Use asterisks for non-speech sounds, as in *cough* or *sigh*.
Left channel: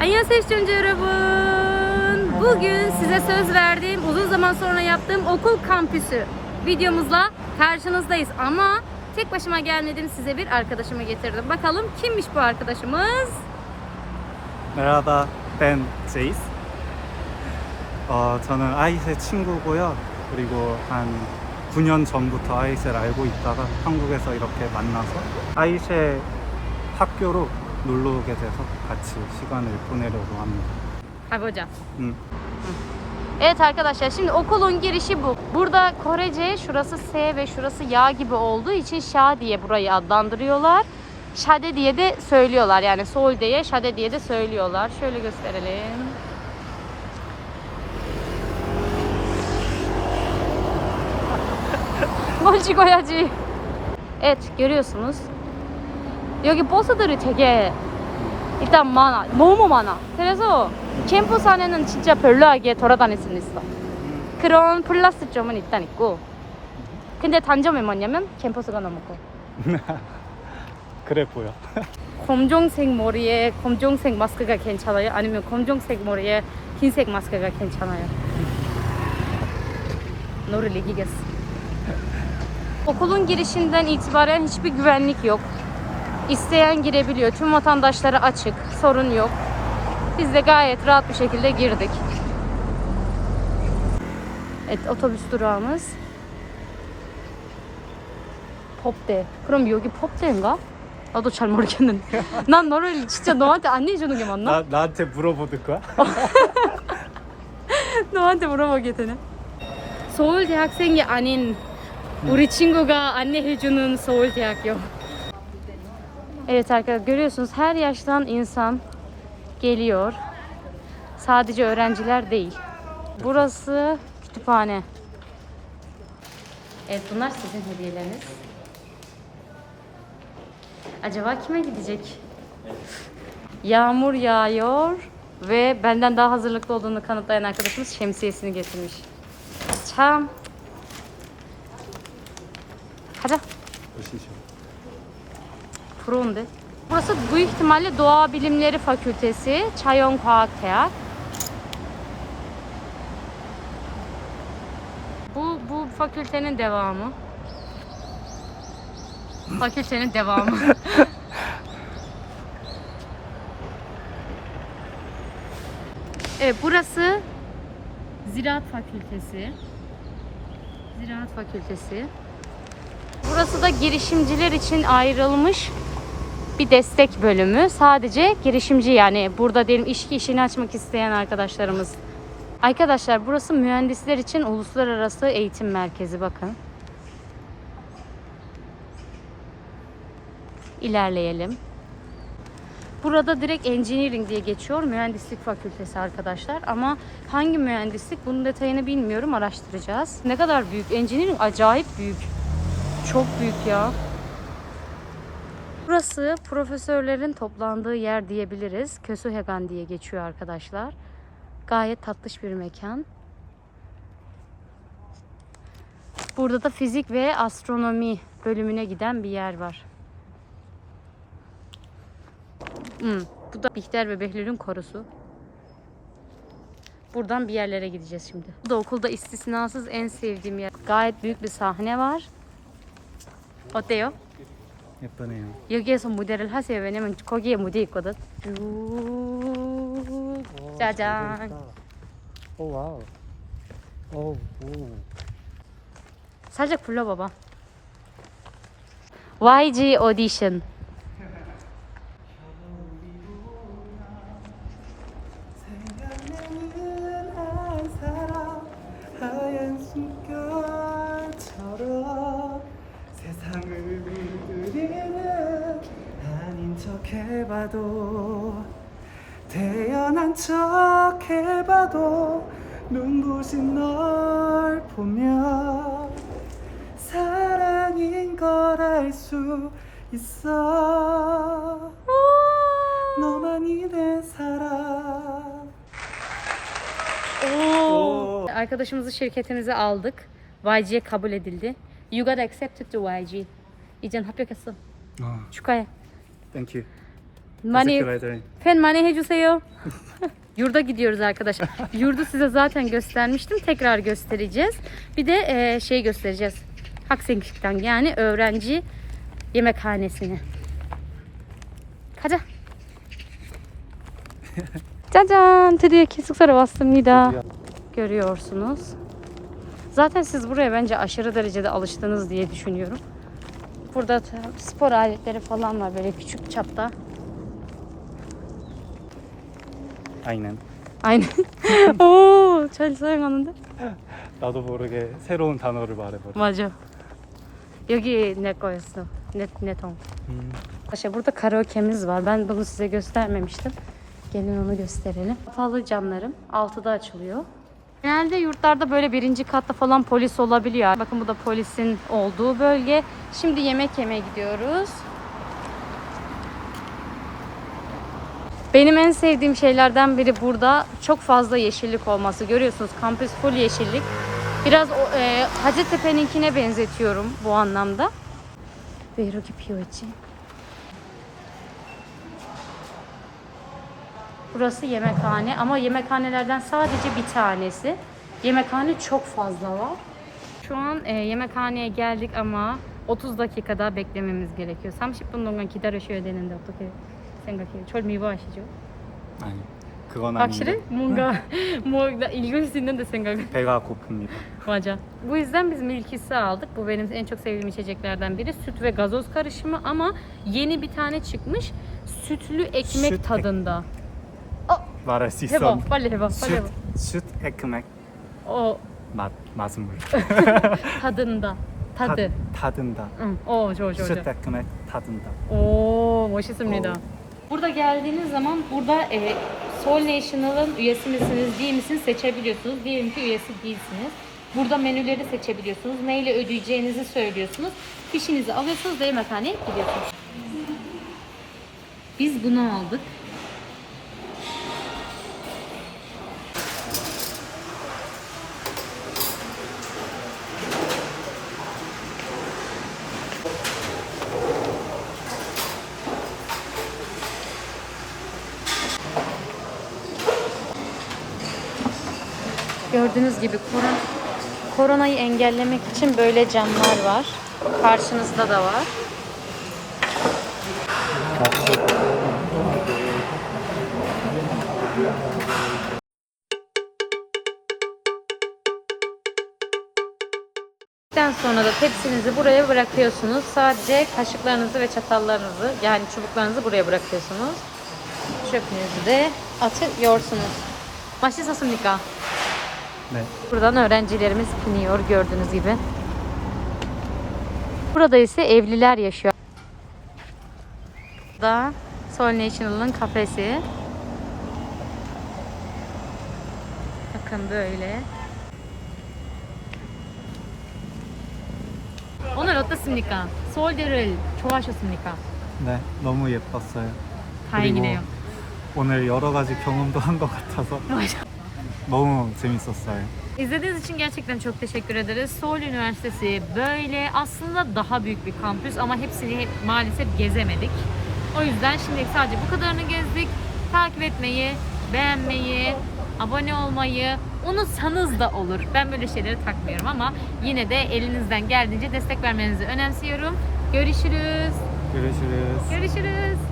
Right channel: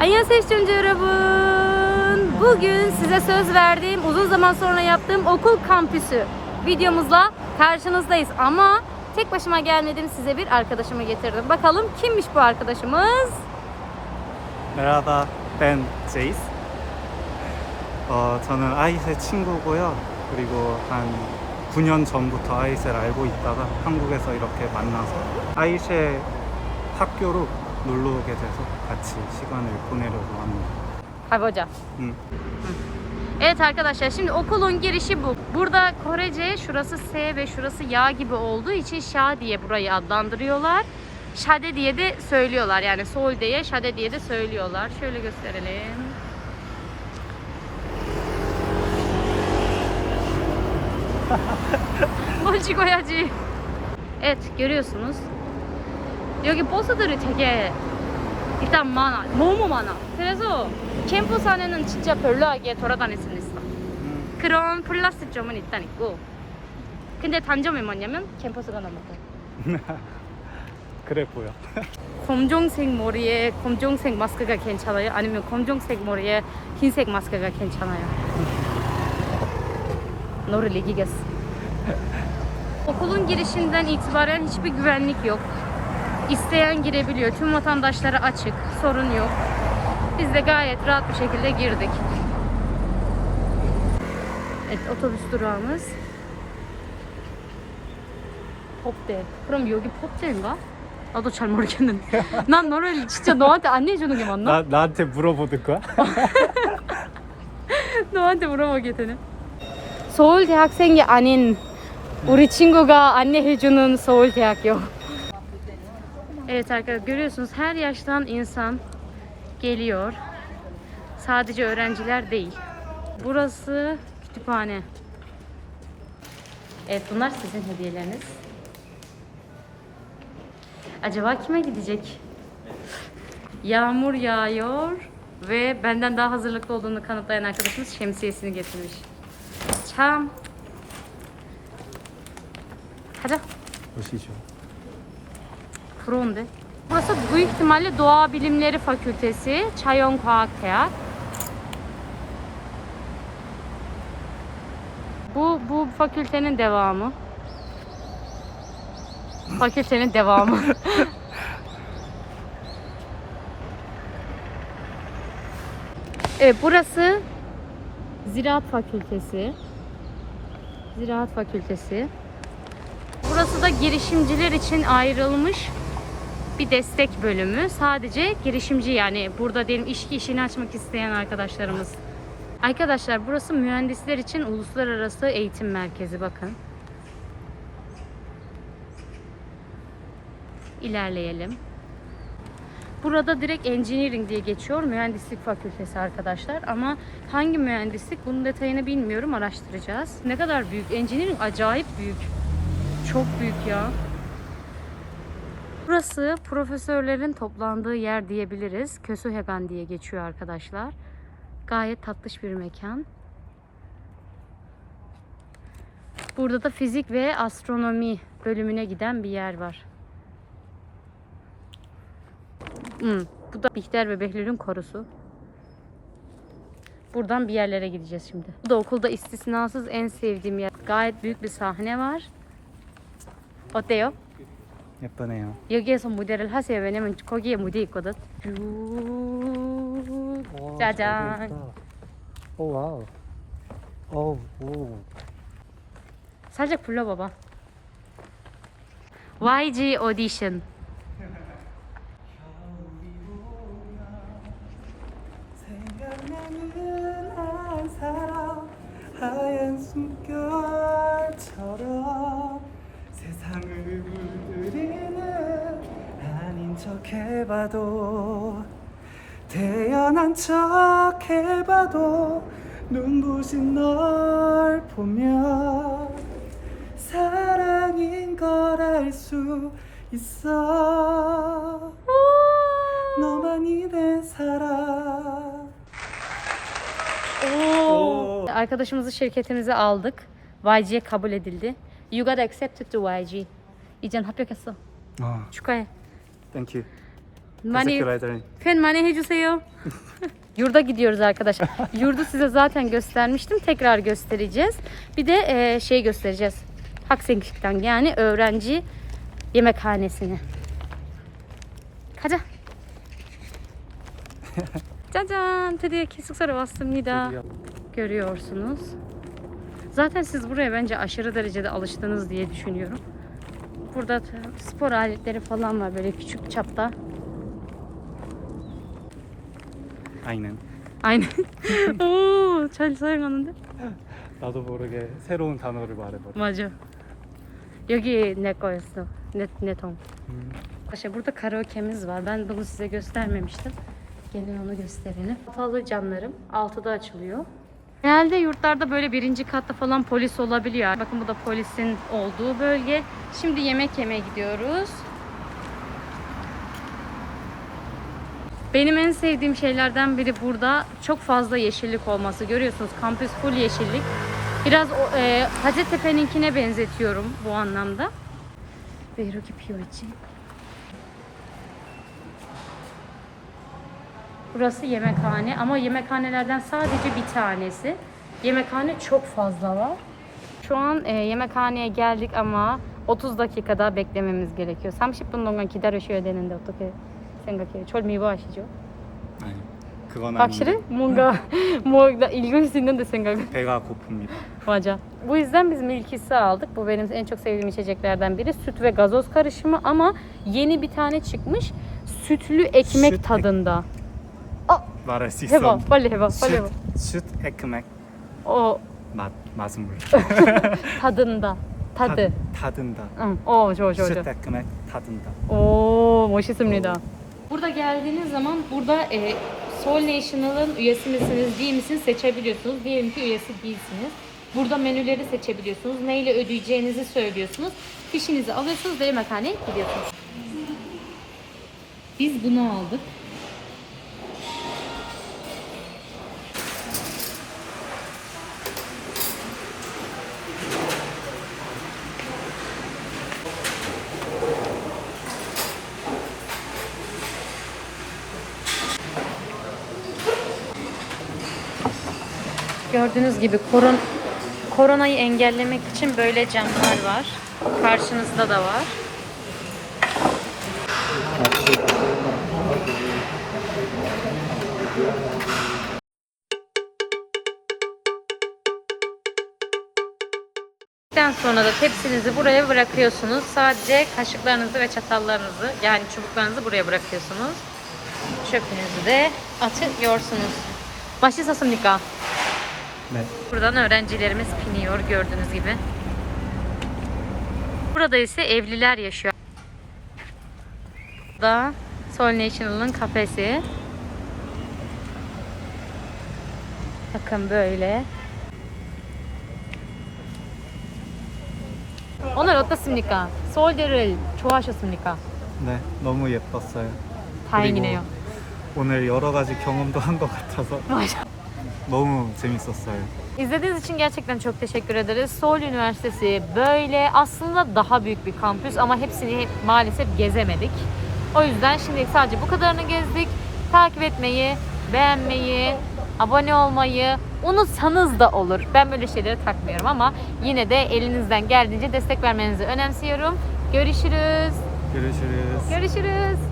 Annyeonghaseyo 시청자 여러분. Bugün size söz verdiğim, uzun zaman sonra yaptığım okul kampüsü videomuzla karşınızdayız. Ama tek başıma gelmedim, size bir arkadaşımı getirdim. Bakalım kimmiş bu arkadaşımız? 메라다 벤 제이스. 어, 저는 아이셋 친구고요. 그리고 한 9년 전부터 아이셋 알고 있다가 한국에서 이렇게 만나서 아이셋 학교로 놀러 오게 돼서 같이 시간을 보내려고 합니다. Hadi hocam. 음. Evet arkadaşlar şimdi okulun girişi bu. Burada Korece şurası S ve şurası Ya gibi olduğu için Şa diye burayı adlandırıyorlar. Şade diye de söylüyorlar yani Sol diye Şade diye de söylüyorlar. Şöyle gösterelim. *laughs* 뭘 찍어야지. Evet görüyorsunuz. 여기 버스들이 되게 일단 많아. 너무 많아. 그래서 캠퍼스 안에는 진짜 별로하게 돌아다닐 수는 있어. 음. 그런 플러스 점은 일단 있고. 근데 단점이 뭐냐면 캠퍼스가 너무 커. *laughs* 그래 보여. *laughs* 검정색 머리에 검정색 마스크가 괜찮아요? 아니면 검정색 머리에 흰색 마스크가 괜찮아요? Nuri Ligigas. Okulun girişinden itibaren hiçbir güvenlik yok. İsteyen girebiliyor. Tüm vatandaşlara açık. Sorun yok. Biz de gayet rahat bir şekilde girdik. Evet, otobüs durağımız. 법대. 그럼 여기 법대인가? 나도 잘 모르겠는데. 난 너를 진짜 너한테 안내해주는 게 맞나? 나한테 물어보든가? 너한테 물어보게 되네. 서울 대학생이 아닌 우리 친구가 안내해주는 서울 대학교. Evet arkadaşlar görüyorsunuz her yaştan insan geliyor. Sadece öğrenciler değil. Burası kütüphane. Evet bunlar sizin hediyeleriniz. Acaba kime gidecek? Yağmur yağıyor ve benden daha hazırlıklı olduğunu kanıtlayan arkadaşımız şemsiyesini getirmiş. Çam. Hadi. 보시 죠. Buron'de. Burası büyük ihtimalle Doğa Bilimleri Fakültesi, Çayon Teak. Bu bu fakültenin devamı. Fakültenin devamı. *laughs* evet burası Ziraat Fakültesi. Ziraat Fakültesi. Burası da girişimciler için ayrılmış bir destek bölümü. Sadece girişimci yani burada diyelim iş işini açmak isteyen arkadaşlarımız. Arkadaşlar burası mühendisler için uluslararası eğitim merkezi bakın. İlerleyelim. Burada direkt engineering diye geçiyor. Mühendislik fakültesi arkadaşlar. Ama hangi mühendislik bunun detayını bilmiyorum. Araştıracağız. Ne kadar büyük. Engineering acayip büyük. Çok büyük ya. Burası profesörlerin toplandığı yer diyebiliriz. Kösühegan diye geçiyor arkadaşlar. Gayet tatlış bir mekan. Burada da fizik ve astronomi bölümüne giden bir yer var. Hmm, bu da Bihter ve Behlül'ün korusu. Buradan bir yerlere gideceğiz şimdi. Bu da okulda istisnasız en sevdiğim yer. Gayet büyük bir sahne var. Oteo. 예쁘네요. 여기에서 무대를 하세요. 왜냐면 거기에 무대 있거든. 쭉 짜잔. 오 와우. 오 오. 살짝 불러봐봐. YG 오디션. 아닌 척 해봐도 태어난 척 해봐도 눈부신 널 보면 사랑인 걸 알 수 있어 너만이 내 사랑 Oo. Arkadaşımızı şirketimize aldık. YG'ye kabul edildi. You got accepted to YG. 이젠 합격했어. 어, 축하해. Thank you. Mani, Teşekkür ederim. fen mani hecuseyo. *laughs* Yurda gidiyoruz arkadaşlar. Yurdu size zaten göstermiştim. Tekrar göstereceğiz. Bir de e, şey göstereceğiz. Haksenkik'ten yani öğrenci yemekhanesini. Kaca. *laughs* Cacan. Teriyaki sıksara bastım Nida. Görüyorsunuz. Zaten siz buraya bence aşırı derecede alıştınız diye düşünüyorum. Burada ta- spor aletleri falan var böyle küçük çapta. Aynen. Aynen. Oo, 잘 사용하는데? 나도 모르게 새로운 단어를 말해버려. 맞아. 여기 내 거였어. 내, 내 통. Arkadaşlar burada karaoke'miz var. Ben bunu size göstermemiştim. Gelin onu gösterelim. Kapalı camlarım. Altıda açılıyor. Genelde yurtlarda böyle birinci katta falan polis olabiliyor. Bakın bu da polisin olduğu bölge. Şimdi yemek yemeye gidiyoruz. Benim en sevdiğim şeylerden biri burada çok fazla yeşillik olması. Görüyorsunuz kampüs full yeşillik. Biraz e, Hacettepe'ninkine benzetiyorum bu anlamda. Ve 이렇 Burası yemekhane ama yemekhanelerden sadece bir tanesi. Yemekhane çok fazla var. Şu an e, yemekhaneye geldik ama 30 dakika daha beklememiz gerekiyor. 30분 동안 기다리셔야 되는데 어떻게 생각해요? 절 미워하시죠? 아니, 그건 확실히? 아닌데 뭔가 뭐 나 읽을 수 있는데 생각이. 배가 고픕니다. Maca. Bu yüzden biz milkisi aldık. Bu benim en çok sevdiğim içeceklerden biri. Süt ve gazoz karışımı ama yeni bir tane çıkmış. Sütlü ekmek Süt ek- tadında. 말할 수 Heba, 있어. 빨리 해봐, 빨리 해봐. 슛, 슛 에크맥 O 맛 맛은 물. tadında. Tadı. 타, 타든다. Hı, o 좋아 좋아 슛 좋아. 에크맥 타든다. Oo, 멋있습니다. Burada geldiğiniz zaman burada e, Soul National'ın üyesi misiniz, değil misiniz seçebiliyorsunuz. Diyelim ki üyesi değilsiniz. Burada menüleri seçebiliyorsunuz. Neyle ödeyeceğinizi söylüyorsunuz. Fişinizi alıyorsunuz ve yemekhaneye gidiyorsunuz. Biz bunu aldık. Gördüğünüz gibi koron koronayı engellemek için böyle camlar var. Karşınızda da var. Sonra da tepsinizi buraya bırakıyorsunuz. Sadece kaşıklarınızı ve çatallarınızı yani çubuklarınızı buraya bırakıyorsunuz. Çöpünüzü de atıyorsunuz. 맛있 었습니까? 네. Buradan öğrencilerimiz biniyor gördüğünüz gibi. Burada ise evliler yaşıyor. Burada Soul National'ın kafesi. Bakın böyle. 오늘 어떻습니까? 서울대를 좋아하셨습니까? 네, 너무 예뻤어요. 다행이네요. 오늘 여러 가지 경험도 한 것 같아서 맞아. 너무 재밌었어요. İzlediğiniz için gerçekten çok teşekkür ederiz. Seoul Üniversitesi böyle aslında daha büyük bir kampüs ama hepsini maalesef gezemedik. O yüzden şimdi sadece bu kadarını gezdik. Takip etmeyi, beğenmeyi, abone olmayı unutsanız da olur. Ben böyle şeyleri takmıyorum ama yine de elinizden geldiğince destek vermenizi önemsiyorum. Görüşürüz. görüşürüz. Görüşürüz.